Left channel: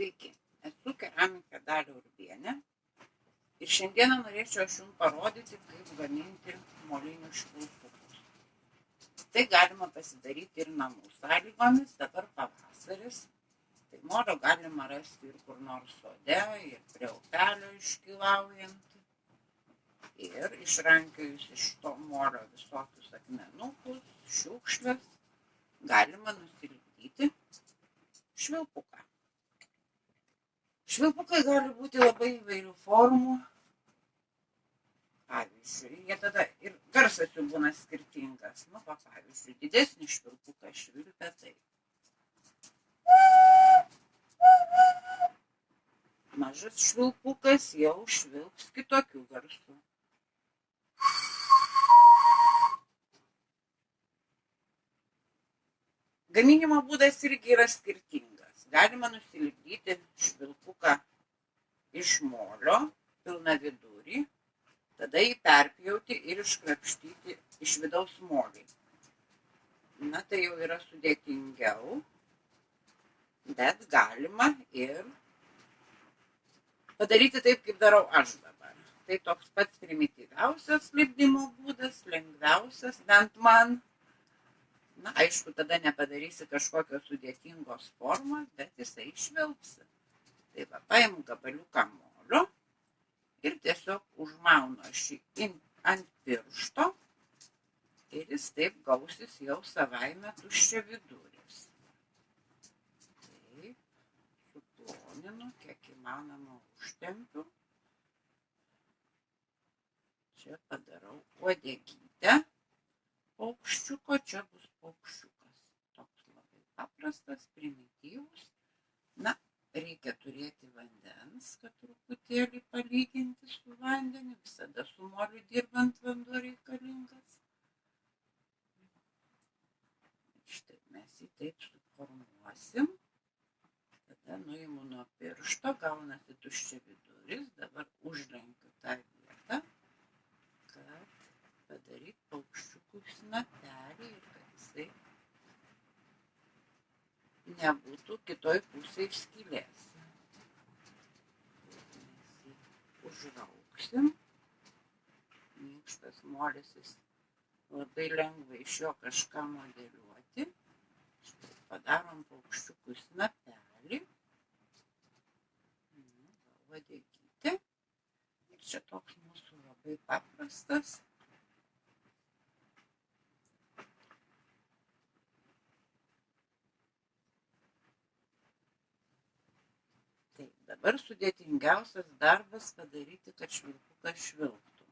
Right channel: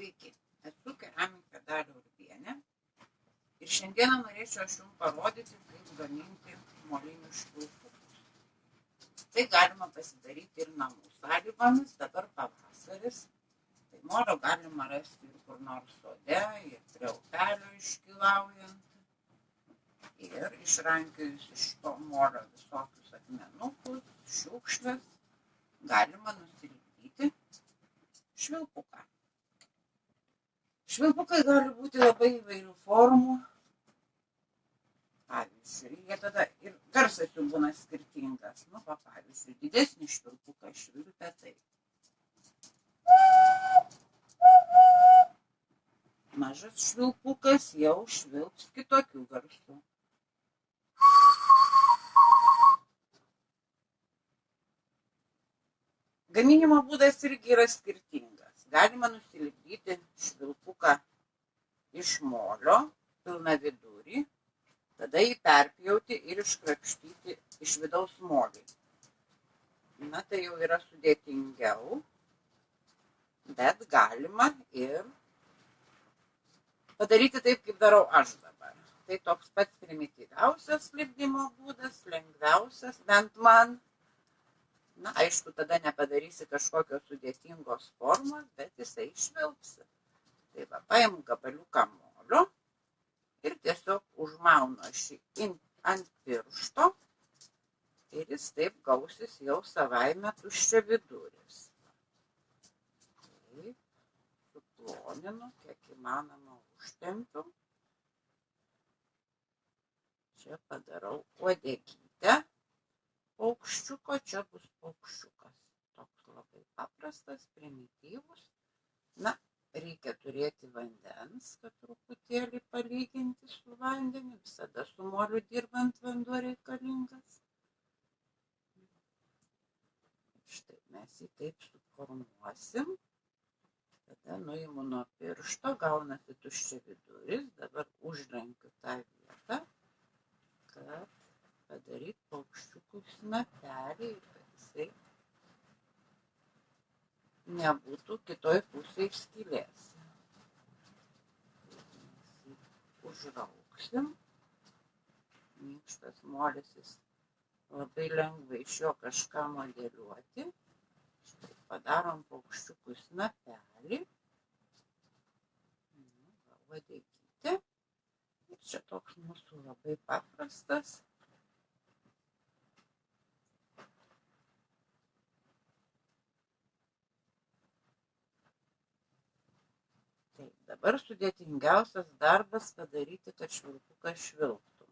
Sveiki, esu keramikė Dalia Urbienė ir šiandieną norėčiau aš jums parodyti, kaip gaminti molinius švilpukus. Tai galima pasidaryti ir namų sąlygomis, dabar pavasaris, tai molio galima rasti ir kur nors sode, ir prie upelio iškylaujant. Ir išrankiojus iš to molio visokius akmenukus, šiukšles, galima nusilipdyti švilpuką. Švilpukai gali būti labai įvairių formų. Pavyzdžiui, jie tada ir garsas jų būna skirtingas. Pavyzdžiui, didesnį švilpuką švilpia taip. Mažas švilpukas jau švilps kitokių garsų. Gaminimo būdas irgi yra skirtingas. Galima nusilipdyti švilpuką iš molio, pilną vidurį, tada jį perpjauti ir iškrapštyti iš vidaus molį. Tai jau yra sudėtingiau, bet galima ir padaryti taip, kaip darau aš dabar. Tai toks pats primityviausias lipdymo būdas, lengviausias, bent man. Aišku, tada nepadarysi kažkokios sudėtingos formos, bet jisai išvilpsi. Tai paimu gabaliuką molio ir tiesiog užmaunu aš jį ant piršto ir jis taip gausis jau savaime tuščiaviduris. Taip, suploninu, kiek įmanoma užtempiu. Čia padarau uodegytę. Paukščiuko, čia bus paukščiukas. Toks labai paprastas, primityvus. Reikia turėti vandens, kad truputėlį palyginti su vandeniu. Visada su moliu dirbant vanduo reikalingas. Štai mes jį taip suformuosim. Tada nuimu nuo piršto, gaunasi tuščiaviduris. Dabar užlenkiu tą vietą, kad padaryti paukščiukų snapelį ir kad jisai nebūtų kitoj pusėje skylės. Mes jį užrauksim. Minkštas molis, jis labai lengva iš jo kažką modeliuoti. Štai padarom paukščiukų snapelį. Uodegytė. Ir čia toks mūsų labai paprastas. Dabar sudėtingiausias darbas padaryti, kad švilpukas švilptų.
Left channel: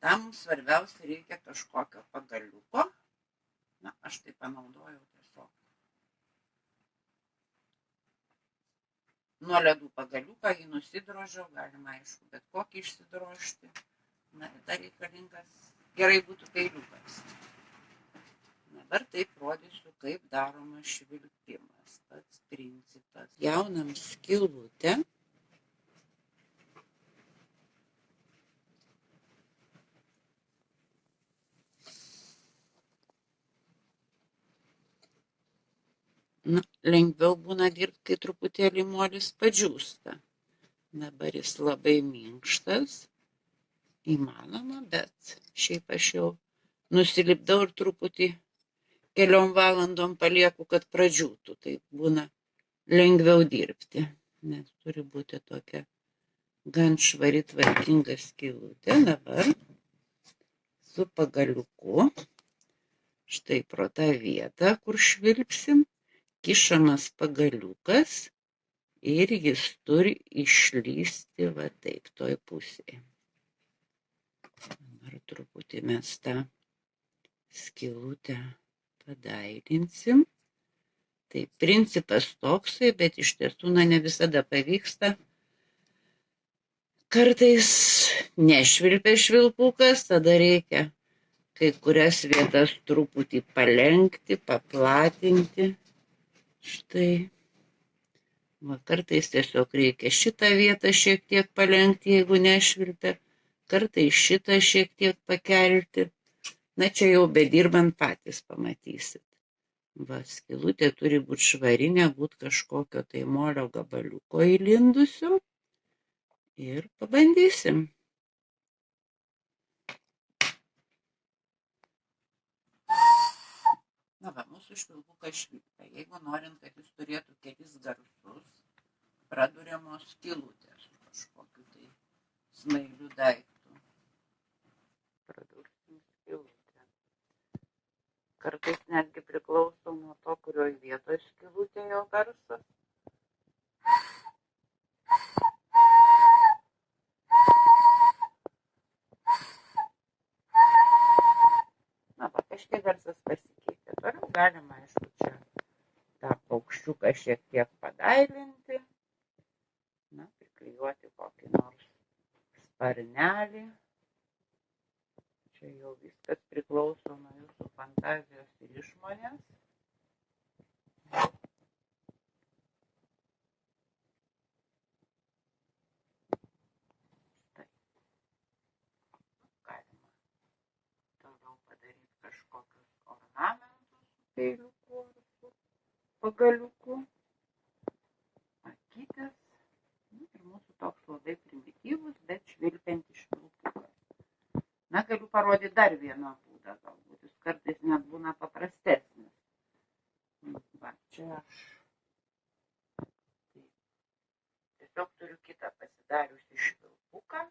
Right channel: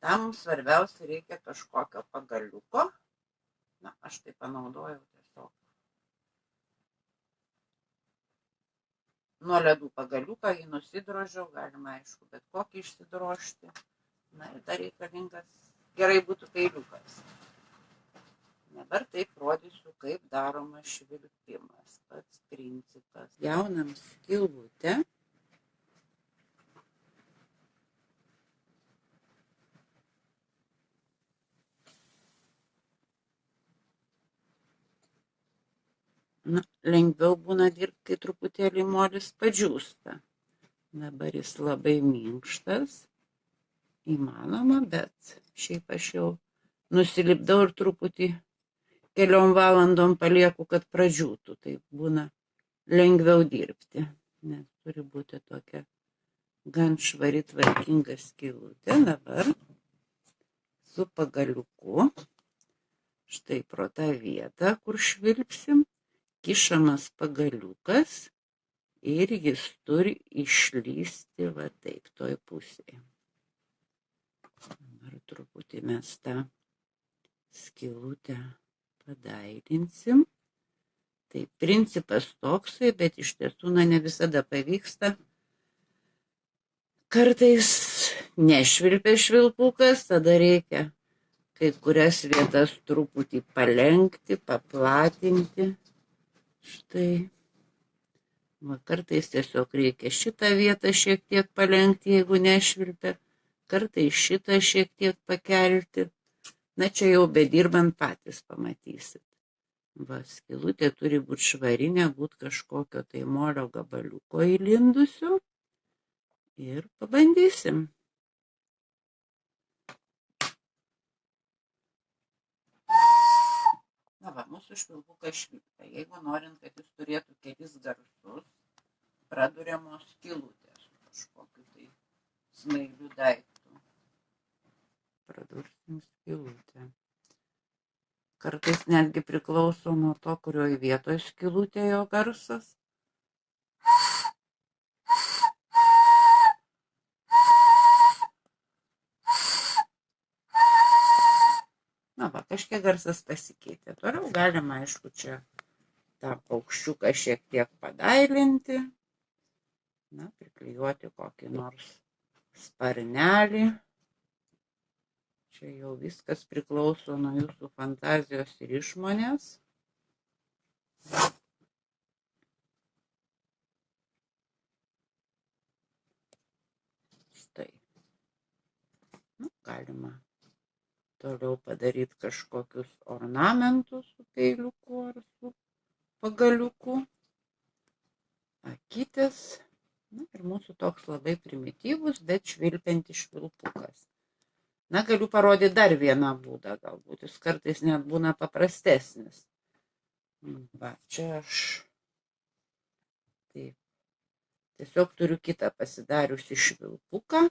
Tam mums svarbiausia reikia kažkokio pagaliuko. Aš tai panaudojau tiesiog nuo ledų pagaliuką, jį nusidrožiau, galima aišku bet kokį išsidrožti. Ir dar reikalingas gerai būtų peiliukas. Dabar taip rodysiu, kaip daromas švilpimas. Pats principas. Jaunam skylutę. Lengviau būna dirbti, kai truputėlį molis padžiūsta. Dabar jis labai minkštas. Įmanoma, bet šiaip aš jau nusilipdau ir truputį keliom valandom palieku, kad pradžiūtų. Tai būna lengviau dirbti, nes turi būti tokia gan švari, tvarkinga skylutė. Dabar su pagaliuku, štai pro tą vietą, kur švilpsim, kišamas pagaliukas ir jis turi išlįsti va taip, toj pusėje. Dabar truputį mes tą skylutę padailinsim. Tai principas toksai, bet iš tiesų ne visada pavyksta. Kartais nešvilpia švilpukas, tada reikia kai kurias vietas truputį palenkti, paplatinti. Štai. Kartais tiesiog reikia šitą vietą šiek tiek palenkti, jeigu nešvilpia. Kartais šitą šiek tiek pakelti. Čia jau bedirbant patys pamatysit. Va, skylutė turi būti švari, nebūt kažkokio tai molio gabaliuko įlindusio. Ir pabandysim. Na va, mūsų švilpukas švilpia. Jeigu norint, kad jis turėtų kelis garsus, praduriamos skylutės kažkokiu tai smailiu daiktu. Pradursim skylutę. Kartais netgi priklauso nuo to, kurioj vietoje skylutė jo garsas. Na va, kažkiek garsas pasikeitė. Toliau galima, aišku, čia tą paukščiuką šiek tiek padailinti. Na, priklijuoti kokį nors sparnelį. Čia jau viskas priklauso nuo jūsų fantazijos ir išmonės. Štai. Nu, galima toliau padaryti kažkokius ornamentus su peiliuku ar su pagaliuku. Akytės. Na, ir mūsų toks labai primityvus, bet švilpiantis švilpukas. Na, galiu parodyti dar vieną būdą, galbūt jis kartais net būna paprastesnis. Va, čia aš taip, tiesiog turiu kitą pasidariusi švilpuką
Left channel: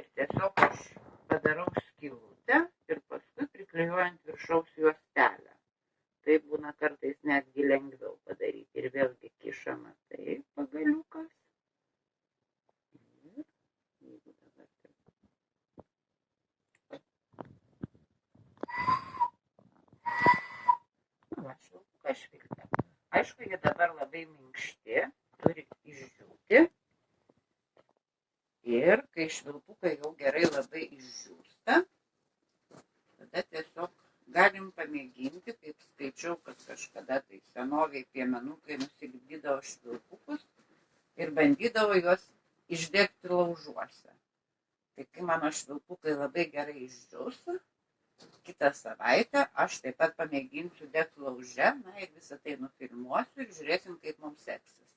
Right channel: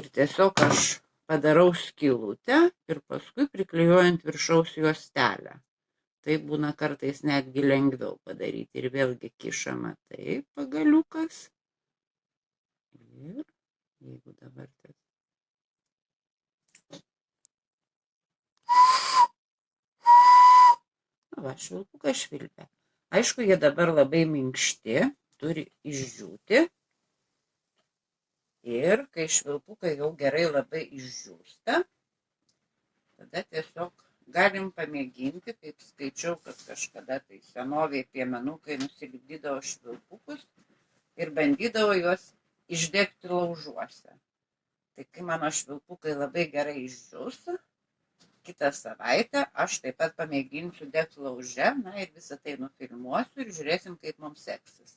ir tiesiog aš padarau skylutę ir paskui priklijuojant viršaus juostelę. Tai būna kartais netgi lengviau padaryti. Ir vėlgi kišama taip pagaliukas. Ir jeigu dabar taip. Na va, švilpukas švilpia. Aišku, jie dabar labai minkšti, turi išdžiūti. Ir kai švilpukai jau gerai labai išdžiūsta, tada tiesiog galim pamėginti, kaip skaičiau, kad kažkada tai senovėje piemenukai nusilipdydavo švilpukus ir bandydavo juos išdegti laužuose. Tai kai mano švilpukai labai gerai išdžiūs, kitą savaitę aš taip pat pamėginsiu degti lauže, na ir visą tai nufilmuosiu ir žiūrėsim, kaip mums seksis.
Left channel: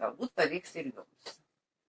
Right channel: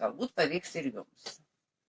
Galbūt pavyks ir jums.